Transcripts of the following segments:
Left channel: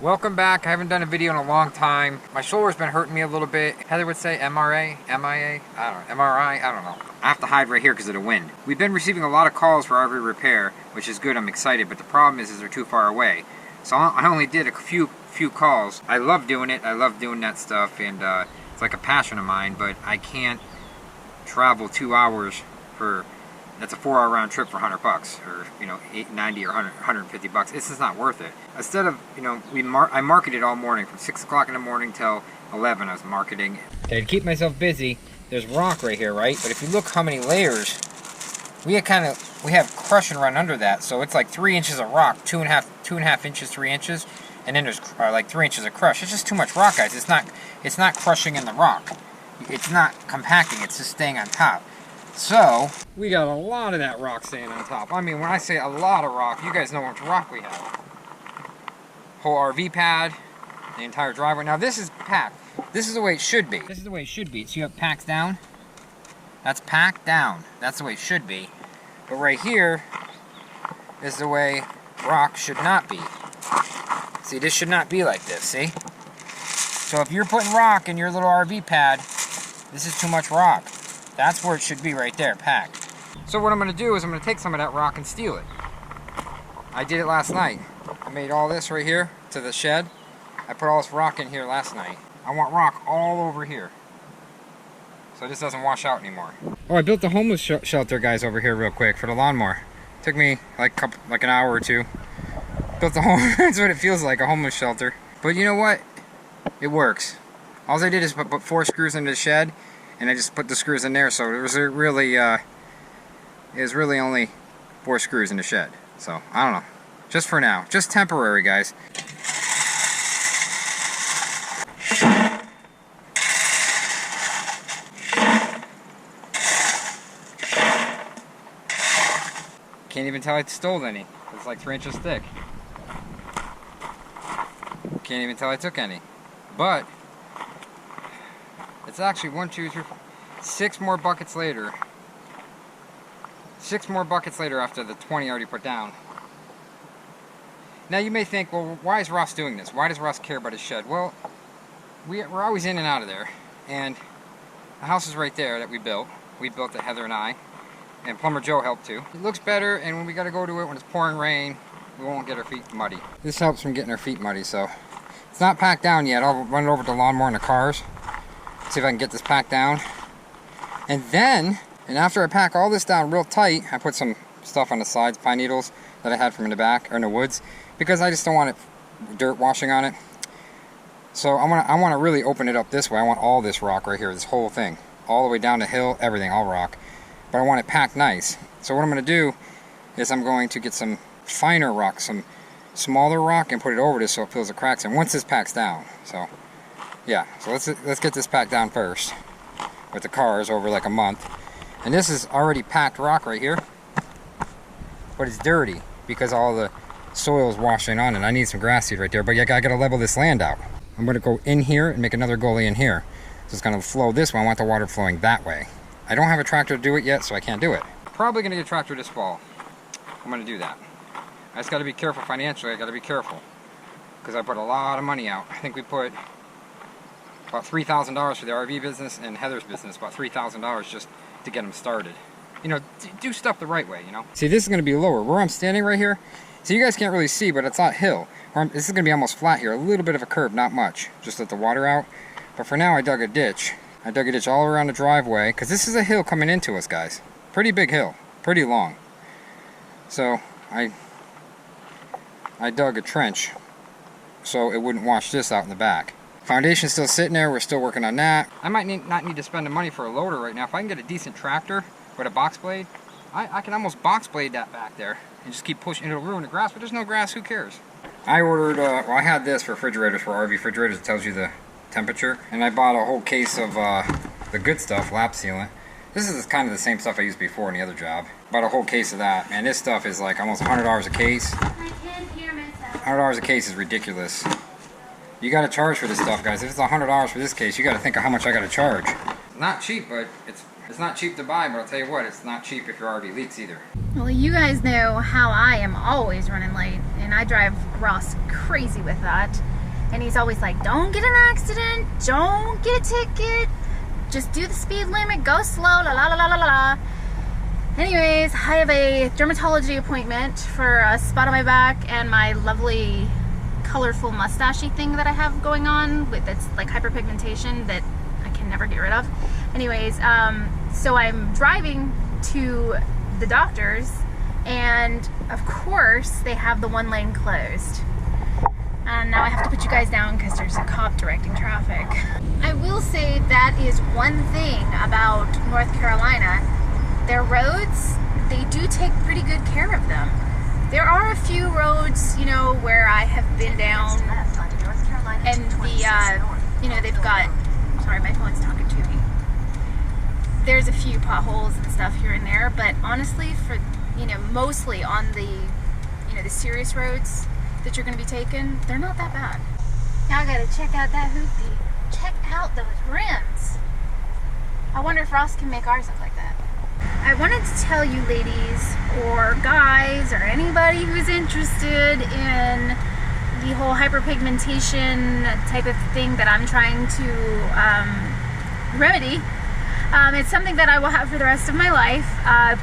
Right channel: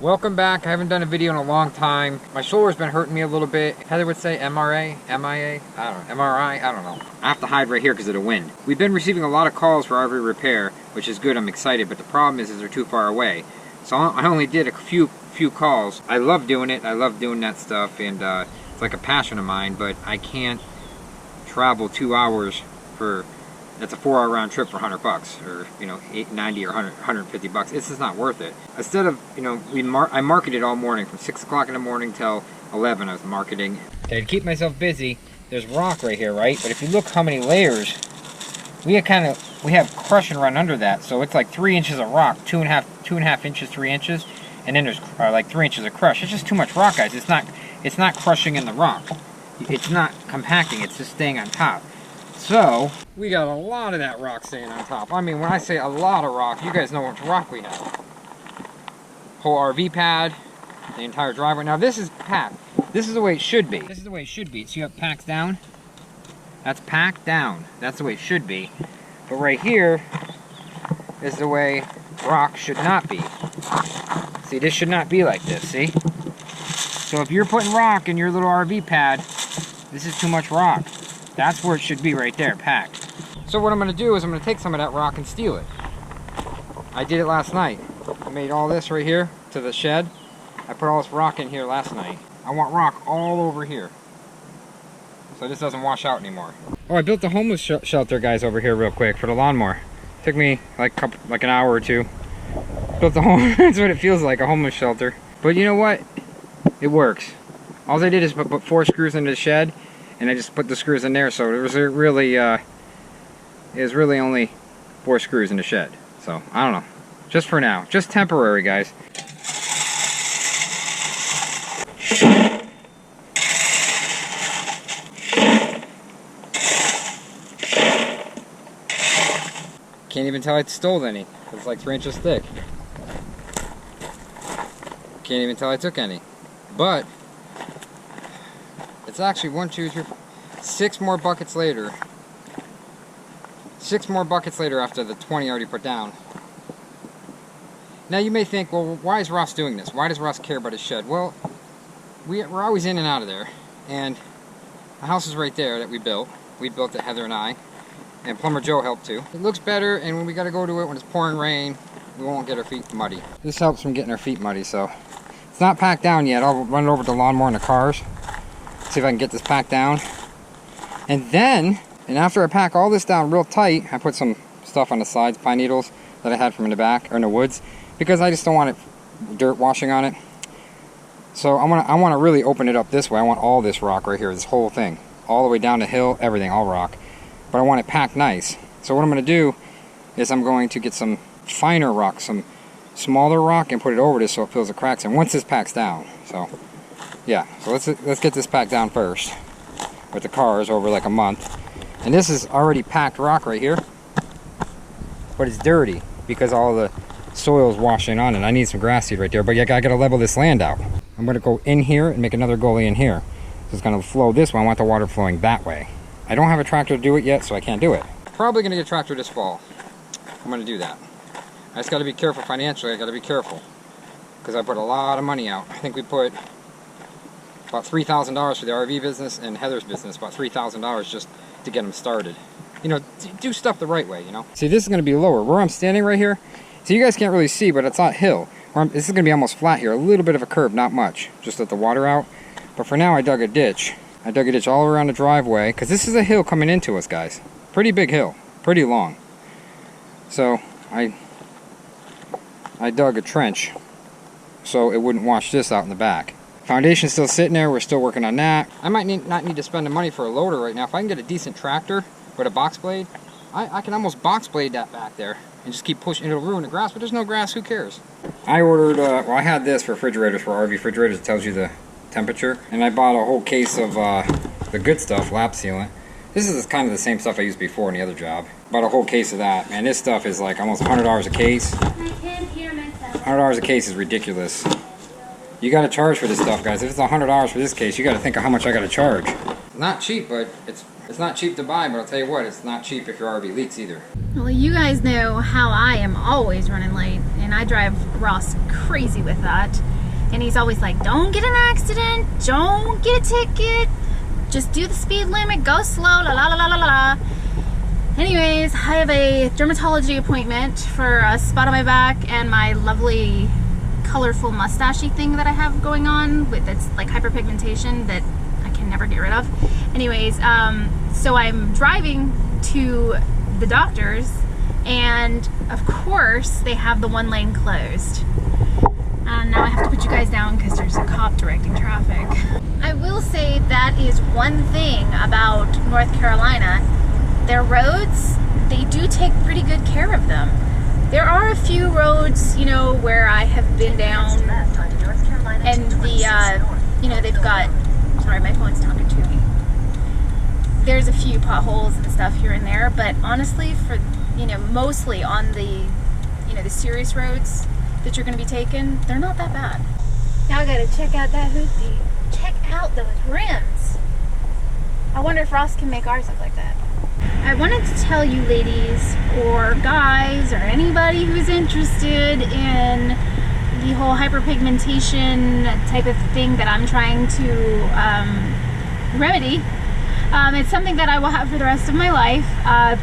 Welcome back. I haven't done a video in a long time. My shoulder's been hurting me a little bit. Heather would say MRA, MIA, I don't know, MRI, I don't know. I have to hide right here because of the wind. We've been receiving a lot of calls for RV repair, which is good, I'm excited, but the problem is they're too far away. So I only did a few calls. I love doing it, I love doing that stuff, and it's like a passion of mine, but I can't travel 2 hours for, that's a 4-hour round trip for $100 or, you know, $90 or $150. It's just not worth it. Instead of, you know, I marketed all morning from 6 o'clock in the morning till 11. I was marketing. Okay, to keep myself busy, there's rock right here, right? But if you look how many layers, we have crush and run under that. So it's like 3 inches of rock, two and a half inches, 3 inches, and then there's like 3 inches of crush. It's just too much rock, guys. It's not crushing in the rock. It's not compacting. It's just staying on top. So, we got a lot of that rock staying on top. I mean, when I say a lot of rock, you guys know how much rock we have. Whole RV pad, the entire driveway. Now this is packed. This is the way it should be. This is the way it should be. So you have packed down. That's packed down. That's the way it should be. But right here is the way rock should not be. See, this should not be like this, see? So if you're putting rock in your little RV pad, this is too much rock. That's where it should be right there, packed. So what I'm going to do is I'm going to take some of that rock and steal it. I did it last night. I made all this right here to the shed. I put all this rock in here last night. I want rock all over here, so this doesn't wash out anymore. Oh, I built the homeless shelter, guys, over here real quick for the lawnmower. Took me like an hour or two. Built the home. That's what it feels like, a homeless shelter. But you know what? It works. All I did is put 4 screws into the shed. And I just put the screws in there, so it was really only 4 screws in the shed. So, I don't know. Just for now. Just temporary, guys. Can't even tell I stole any. It's like 3 inches thick. Can't even tell I took any. But it's actually 1, 2, 3, 4, 6 more buckets later. 6 more buckets later after the 20 I already put down. Now you may think, well, why is Ross doing this? Why does Ross care about his shed? Well, we're always in and out of there. And the house is right there that we built. We built it, Heather and I. And Plumber Joe helped too. It looks better, and when we got to go to it when it's pouring rain, we won't get our feet muddy. This helps from getting our feet muddy, so. It's not packed down yet. I'll run it over to the lawnmower in the cars. See if I can get this packed down. And then, after I pack all this down real tight, I put some stuff on the sides, pine needles that I had from in the back, or in the woods, because I just don't want dirt washing on it. So I want to really open it up this way. I want all this rock right here, this whole thing. All the way down the hill, everything, all rock. But I want it packed nice. So what I'm going to do is I'm going to get some finer rock, some smaller rock, and put it over this so it fills the cracks in once this packs down. So yeah, so let's get this packed down first with the cars over like a month. And this is already packed rock right here, but it's dirty because all the soil's washing on it. I need some grass seed right there, but yeah, I gotta level this land out. I'm gonna go in here and make another gully in here. So it's gonna flow this way. I want the water flowing that way. I don't have a tractor to do it yet, so I can't do it. Probably gonna get a tractor this fall. I'm gonna do that. I just gotta be careful financially. I gotta be careful because I put a lot of money out. I think we put about $3,000 for the RV business and Heather's business, about $3,000 just to get them started. You know, do stuff the right way, you know. See, this is going to be lower. Where I'm standing right here, so you guys can't really see, but it's not hill. This is going to be almost flat here, a little bit of a curve, not much. Just let the water out. But for now, I dug a ditch. I dug a ditch all around the driveway, because this is a hill coming into us, guys. Pretty big hill, pretty long. So, I dug a trench so it wouldn't wash this out in the back. Foundation's still sitting there. We're still working on that. I might not need to spend the money for a loader right now. If I can get a decent tractor with a box blade, I can almost box blade that back there and just keep pushing. It'll ruin the grass, but there's no grass. Who cares? I ordered, well, I had this for refrigerators, for RV refrigerators. It tells you the temperature. And I bought a whole case of the good stuff, lap sealant. This is kind of the same stuff I used before in the other job. Bought a whole case of that. Man, this stuff is like almost $100 a case. I can't hear myself. $100 a case is ridiculous. You got to charge for this stuff, guys. If it's $100 for this case, you got to think of how much I got to charge. Not cheap, but it's It's not cheap to buy, but I'll tell you what, it's not cheap if your RV leaks either. Well, you guys know how I am always running late, and I drive Ross crazy with that. And he's always like, don't get in an accident, don't get a ticket, just do the speed limit, go slow, la la la la la la. Anyways, I have a dermatology appointment for a spot on my back and my lovely colorful mustachy thing that I have going on with its like hyperpigmentation that I can never get rid of. Anyways, so I'm driving to the doctor's, and of course they have the one lane closed. And now I have to put you guys down because there's a cop directing traffic. I will say that is one thing about North Carolina. Their roads, they do take pretty good care of them. There are a few roads, you know, where I have been down and the, you know, they've got, sorry, my phone's talking to me. There's a few potholes and stuff here and there, but honestly, for, you know, mostly on the, you know, the serious roads that you're going to be taking, they're not that bad. Now I gotta check out that hoopty. Check out those rims. I wonder if Ross can make ours look like that. I wanted to tell you ladies or guys or anybody who's interested in the whole hyperpigmentation type of thing that I'm trying to remedy. It's something that I will have for the rest of my life.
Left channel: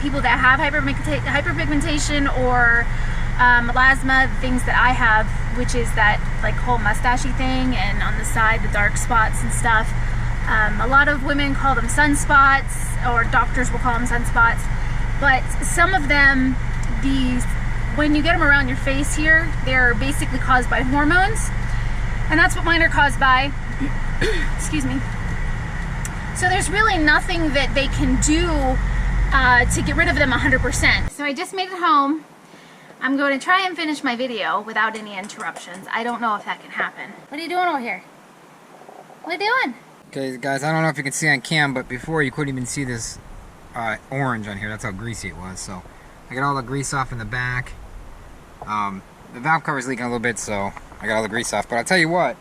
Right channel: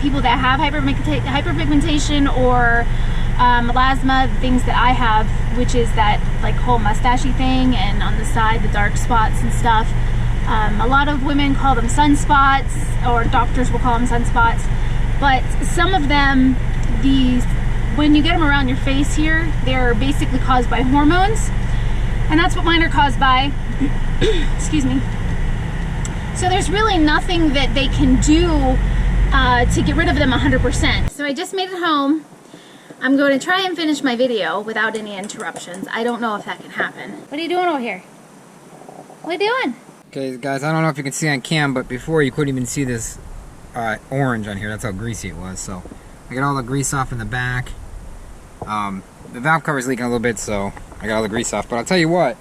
People that have hyperpigmentation or melasma, things that I have, which is that like whole mustachy thing, and on the side the dark spots and stuff. A lot of women call them sunspots, or doctors will call them sunspots, but some of them, when you get them around your face here, they're basically caused by hormones, and that's what mine are caused by. Excuse me. So there's really nothing that they can do to get rid of them 100%. So I just made it home. I'm going to try and finish my video without any interruptions. I don't know if that can happen. What are you doing over here? What are you doing? Okay, guys, I don't know if you can see on cam, but before you couldn't even see this orange on here. That's how greasy it was. So I got all the grease off in the back. The valve cover's leaking a little bit, so I got all the grease off. But I'll tell you what,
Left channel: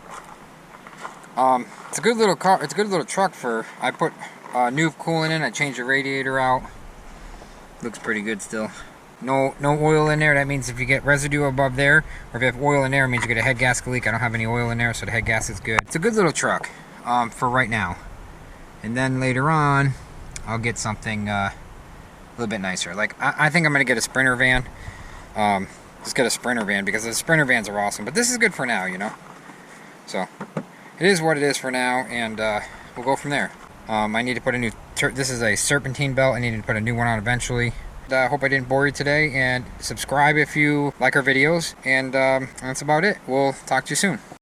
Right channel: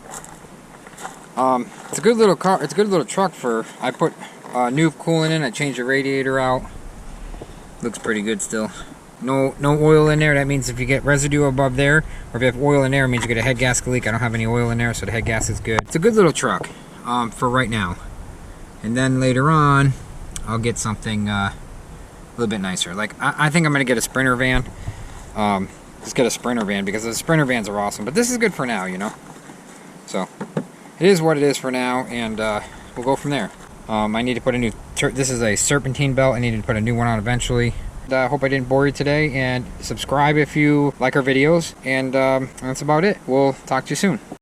it's a good little car. It's a good little truck for. I put new coolant in. I changed the radiator out. Looks pretty good still. No oil in there. That means if you get residue above there, or if you have oil in there, it means you get a head gasket leak. I don't have any oil in there, so the head gas is good. It's a good little truck for right now. And then later on, I'll get something a little bit nicer. Like I think I'm gonna get a Sprinter van. Just get a Sprinter van because the Sprinter vans are awesome. But this is good for now, you know. So it is what it is for now, and we'll go from there. I need to put a new. This is a serpentine belt. I need to put a new one on eventually. I hope I didn't bore you today, and subscribe if you like our videos, and that's about it. We'll talk to you soon.